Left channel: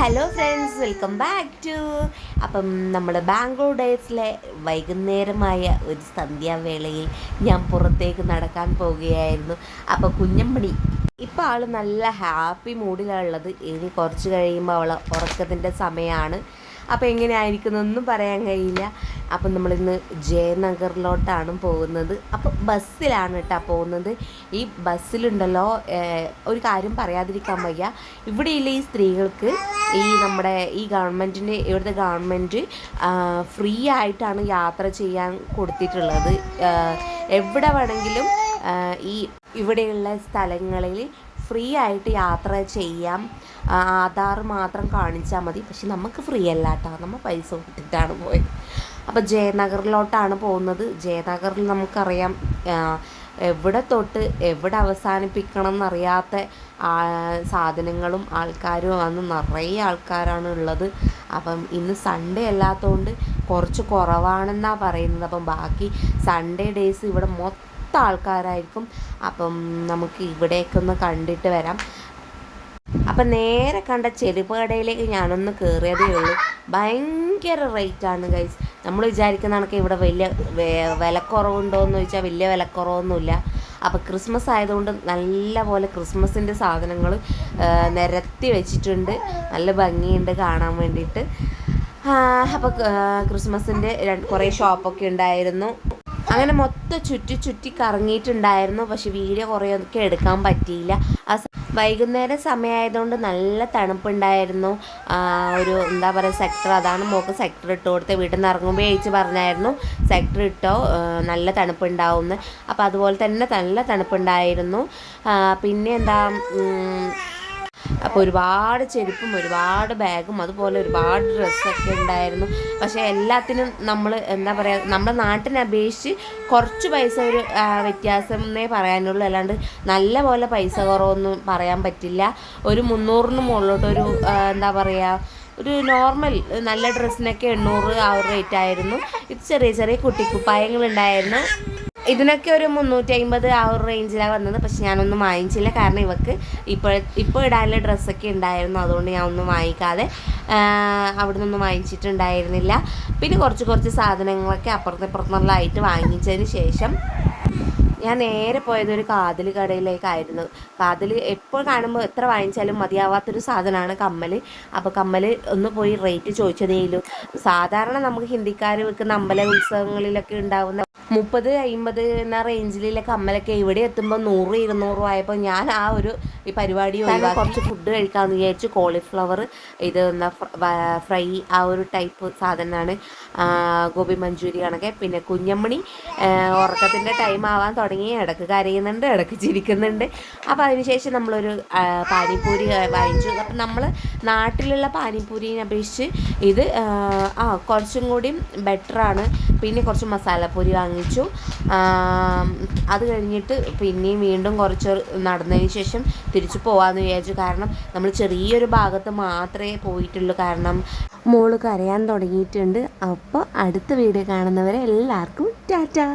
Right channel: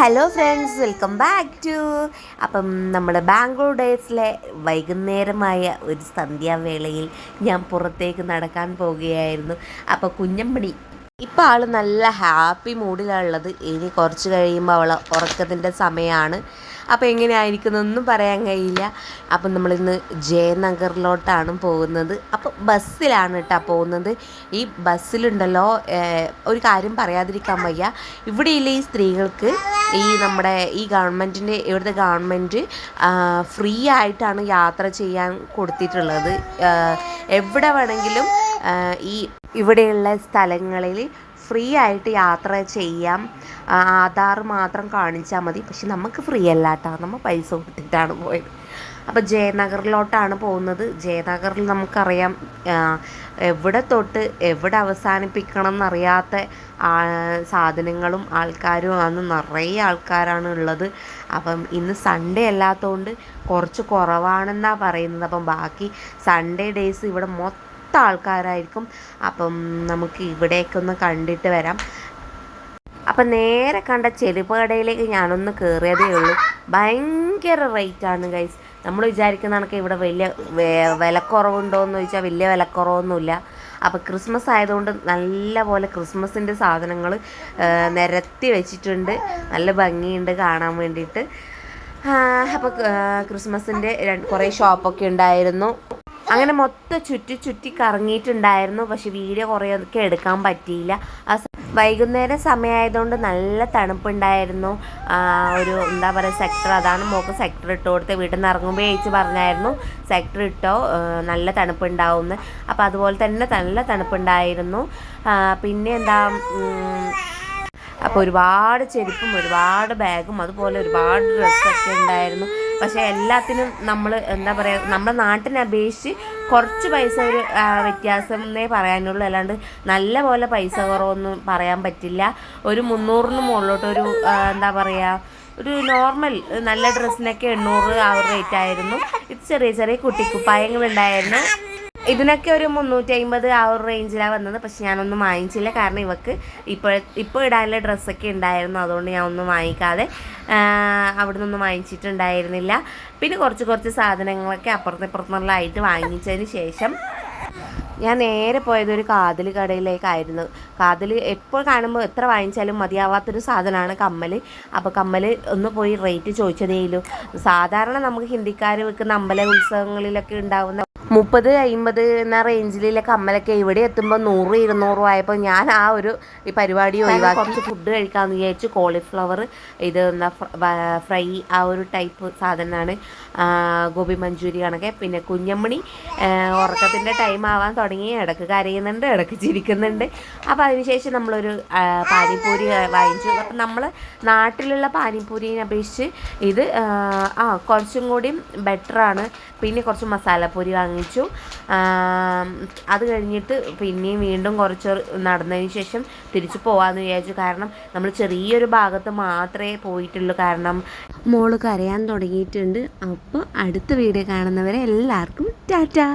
Hello friends, welcome back to അപ്പം നമ്മൾ ബാംഗ്ലൂർ ഡേയ്സിലെ വൈകുന്നേരമായ ഒരു സന്ധ്യാവേളയിൽ ഞാൻ പുറത്തേക്ക് നടക്കാൻ പോവുകയായിരുന്നു. അപ്പോൾ കുഞ്ഞമ്മണി ഇപ്പോൾ ആൾ നല്ല ഹാപ്പി മൂഡിലുള്ളത്. ഇനി കുറച്ച് കഴിയുമ്പോൾ അവൾ ഉറക്കത്തിൻ്റെ സമയമാണ്. അപ്പോൾ എങ്ങനെയായിരിക്കുന്നൊന്നും പറയാൻ കഴിയില്ല. അപ്പം നമ്മളിന്ന് ജയനഗറിലോട്ടാണ് പോകുന്നത്. അപ്പോൾ ബസ്സിലാണ് കേട്ടോ പോകുന്നത്. ഈ ബസ്സിലുണ്ടല്ലോ, ഒരു കാര്യം പറയാതിരിക്കാൻ വയ്യ. ഇവിടെയുള്ള ഈ സ്ത്രീകൾക്ക് നമ്മുടെ ഇവിടുത്തെ ഗവൺമെൻറ് ഫ്രീ ആയിട്ടാണ് യാത്ര ചെയ്യാൻ കൊടുത്തിട്ടുള്ളത്. എവിടെ വേണമെങ്കിലും ഇവിടെയുള്ള സ്ഥലങ്ങളിൽ ഫ്രീ ആയിട്ട് യാത്ര ചെയ്യാം. ആധാർ മാത്രം കാണിച്ചാൽ മതി. പക്ഷെ നമുക്ക് ഫ്രീ അല്ല കേട്ടോ, നമ്മൾ പൈസ കൊടുത്തിട്ടാണ് പോയത്. അപ്പോൾ ജയനഗറിലോട്ടാണ് പോകുന്നത്. ജയനഗറിൽ നമുക്കറിയാം, എവിടെ തൊട്ട് എവിടെ അവസാനിപ്പിക്കണം എന്നറിയാത്ത സാധനങ്ങളും ആൾക്കാരും ആണ്. നിറയെ ആൾക്കാരാണ് ഉള്ളത്. അപ്പം ഇന്ന് സൺഡേ അല്ലാത്തതുകൊണ്ട് കുറച്ച് കുറവാണെന്നാണ് പറയുന്നത്. അപ്പം ബാക്കി സൺഡേ ഡേയ്സ് ഇവിടെ മൊത്തം ആൾക്കാരായിരിക്കും. അപ്പം നമുക്ക് ഇവിടേക്ക് ഒന്ന് കണ്ടിട്ട് വരാം. അപ്പം നേരെ കണ്ട ചെരുപ്പ് കടയിലേക്ക് ഞാനൊന്ന് കയറിയതേ ഉള്ളൂ. ഭയങ്കര റേറ്റാണ് ഗൈസ്. നമ്മൾ വിചാരിക്കുന്ന കണക്ക് ഇവിടെ വലിയ വിലക്കുറവുണ്ടോയെന്ന് ചോദിച്ചാൽ വലിയ വിലക്കുറവൊന്നുമില്ല. അപ്പോൾ ക്രിസ്മസ് ആയതുകൊണ്ട് നല്ല പോലെ ക്രിസ്മസിൻ്റെ സാധനങ്ങൾ നിരത്തി വെച്ചിട്ടുണ്ട്. നല്ല ഭംഗിയുണ്ട് കാണാൻ വേണ്ടിയിട്ട്. അപ്പോൾ ക്രിസ്മസിൻ്റെ കുറേ ഷോപ്പൊക്കെ ഉണ്ടായിരുന്നു. അങ്ങനെ മൊത്തം ചുറ്റി കറങ്ങിയിട്ടുണ്ടായിരുന്നു. പക്ഷെ വീഡിയോ കുറേയൊക്കെ എടുക്കാൻ പറ്റിയില്ല. വൈകുന്നേരം സമയമായതുകൊണ്ട് നല്ല തണുപ്പുണ്ടായിരുന്നു. ഒരു എന്താ പറയുക, സെക്ടർ, അതാണ് മോൾക്ക് സെക്ടർ ഇട്ട് കൊടുത്ത്. വീട്ടിൽ നിന്ന് ഇറങ്ങുമ്പോൾ ചേച്ചി പറഞ്ഞായിരുന്നു സെക്ടർ ഇട്ടോ, നല്ല തണുപ്പുണ്ടാവുമെന്ന്. അപ്പോൾ അതുപോലെ തന്നെ നല്ല തണുപ്പുണ്ടായിരുന്നു. പിന്നെ അപ്പോൾ ഒരുപാട് ചെരുപ്പും ഒരുപാട് ബാഗും അതുപോലെ ഒരുപാട് ഡ്രസ്സൊക്കെ ഉണ്ടായിരുന്നു. പക്ഷേ എല്ലാത്തിനും നമ്മൾ എന്താ പറയുക, നമ്മുടെ നാട്ടിനെ അപേക്ഷിച്ച് കുറച്ച് പൈസ ഒരു വ്യത്യാസം എന്നേ പറയാനുള്ളൂ. അല്ലാണ്ട് നല്ല പോലെ പൈസ കുറവൊന്നും പറയാൻ പറ്റില്ല. ഒരു 300-ന് മുകളിലോട്ട് ഒരു എന്താ പറയുക, ഒരു നോർമൽ നല്ല ഡ്രസ്സിനൊക്കെ 800 ആ ഒരു റേറ്റ് ആയിരുന്നു. ഇത് ചെറിയ ചെറിയ കുട്ടിക്കുപ്പായങ്ങളുണ്ടായിരുന്നു. ഇതിനൊക്കെ ഒരു 350 ആ ഒരു റേഞ്ചിലാണ് വന്നത്. പക്ഷെ ഞാനൊന്നും വാങ്ങിച്ചില്ല. കാരണം ഇവക്ക് ഇപ്പോൾ ഇടാനുള്ള ഡ്രസ്സൊക്കെ ഉണ്ടായിരുന്നു. അതുകൊണ്ട് ഞാൻ ഒന്നും വാങ്ങിക്കാതെ അവിടെ നിന്നൊന്നും വാങ്ങിച്ചിട്ടുണ്ടായിരുന്നില്ല. പിന്നെ കുറച്ച് സാധനങ്ങളൊക്കെ അപ്പുറത്തുനിന്നുള്ളതായിട്ട് വാങ്ങിച്ചതിന് ശേഷം ഞാൻ നേരെ പോയത് ഒരു കാതിൽ കടയിലേക്കായിരുന്നു. കാതിൽ എപ്പോൾ കാണുമ്പോൾ എത്ര വാങ്ങിച്ചാലും മതിയാവാത്തൊരു സാധനമാണ് കമ്മൽ. അപ്പോൾ കമ്മൽ ഒന്ന് പോയി റേറ്റ് ചോദിച്ചതേയുള്ളൂ. സാധാരണ നമുക്ക് ഹിന്ദിക്കാർ വെക്കുന്ന അമ്പല ഉത്സവങ്ങളിലൊക്കെ ഉണ്ടാകുന്ന 30-50 എന്ന റേഞ്ചിലുള്ള കമ്മലൊക്കെ ഇവിടെ എത്തുമ്പോൾ 100-200 ആയപ്പോൾ ഞാൻ ഈ പരിപാടി ഒഴിവാക്കി കുറച്ച് ഫുഡ് കഴിക്കാമെന്ന് വിചാരിച്ചു. കോളിഫ്ലവർ, ഇത് ഫ്രൈ, ആ ഒരു ടൈപ്പ് സാധനമാണ്. ഗോബി മഞ്ചൂരി കണക്കെ. പിന്നെ കുഞ്ഞമ്മണി ഉറക്കത്തിൻ്റെ ടൈം ആവാൻ തുടങ്ങി. ഇടയ്ക്ക് കരയുന്നുണ്ട്, ഇടയ്ക്ക് ചിരിക്കുന്നുണ്ട്. അപ്പോൾ അതിനുശേഷം നമ്മളൊരു പാനിപ്പൂരി വാങ്ങിച്ചു. അപ്പം നമ്മൾ നാട്ടിലുള്ള പാനിപ്പൂരിനെ അപേക്ഷിച്ച് ഇത് കുറച്ചും കൂടി ബെറ്ററാണ്. പിന്നെ കുറച്ച് മസാലപ്പൂരി വാങ്ങിച്ചു. അത് കഴിഞ്ഞിട്ട് പിന്നെയും വീണ്ടും കുറച്ച് നടന്നതിന് ശേഷം തിരിച്ചു പോകാമെന്ന് വിചാരിച്ചു. കാരണം നമ്മൾ ചെറിയൊരു ഭാഗത്ത് മാത്രമേ പോയിട്ടുള്ളൂ. കാരണം മോള് കരയാൻ തുടങ്ങിയിട്ടുണ്ട്. അപ്പോൾ അടുത്ത വീഡിയോ കാണുന്നവരെ എല്ലാവർക്കും ടാറ്റാ.